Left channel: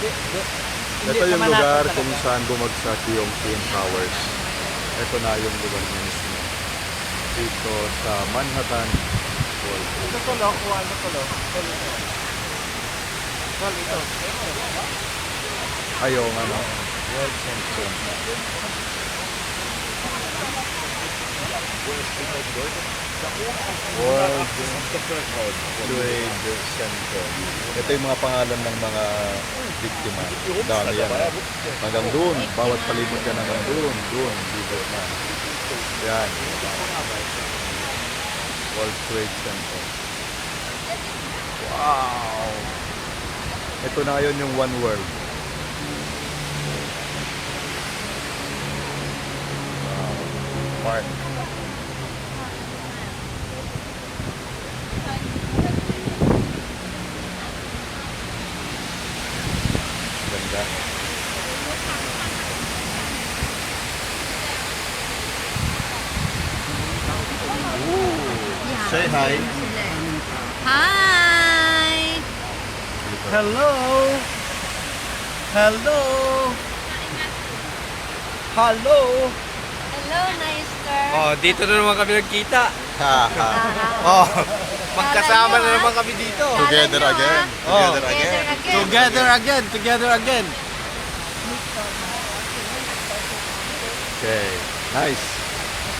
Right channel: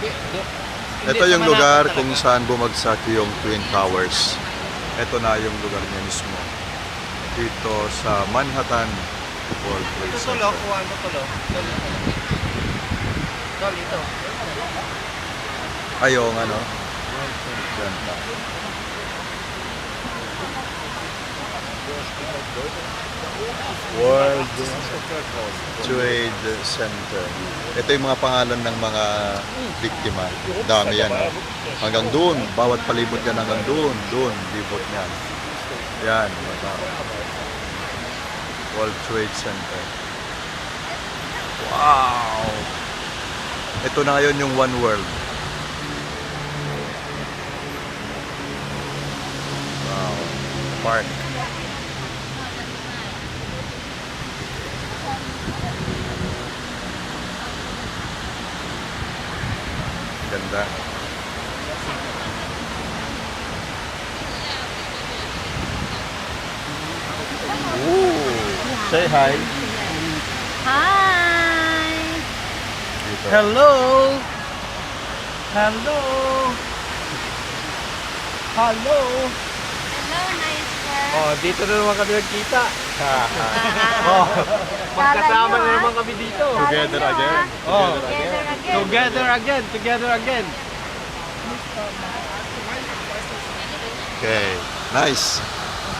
Ito yung lugar kung saan bumagsak yung Twin Towers. Ito na yung lugar niya mismo. Dito sa Manhattan World Trade Ito Center. tulo, kuha mo tulo. Tol, ito. Ay, yung ano? World Trade Center. Ito yung mga pangalan ng mga biktima. Dami yan. Ha? Hanggang doon. Bawat palibot yan hanggang doon. Doon. Libot yan. Yan. World Trade Center. Wow! Ito na ngayon yung One World. Wow. Park. Ganda. Ooh. Say hi. Hi! Dito. Hello! Hello! Hello! Hello, mister. Oh, dito na naman kami nagkita. Haha. Oh, magkasama na naman kami dito. Together again. Oh. Together again. Together again, together again. Okay. Nice.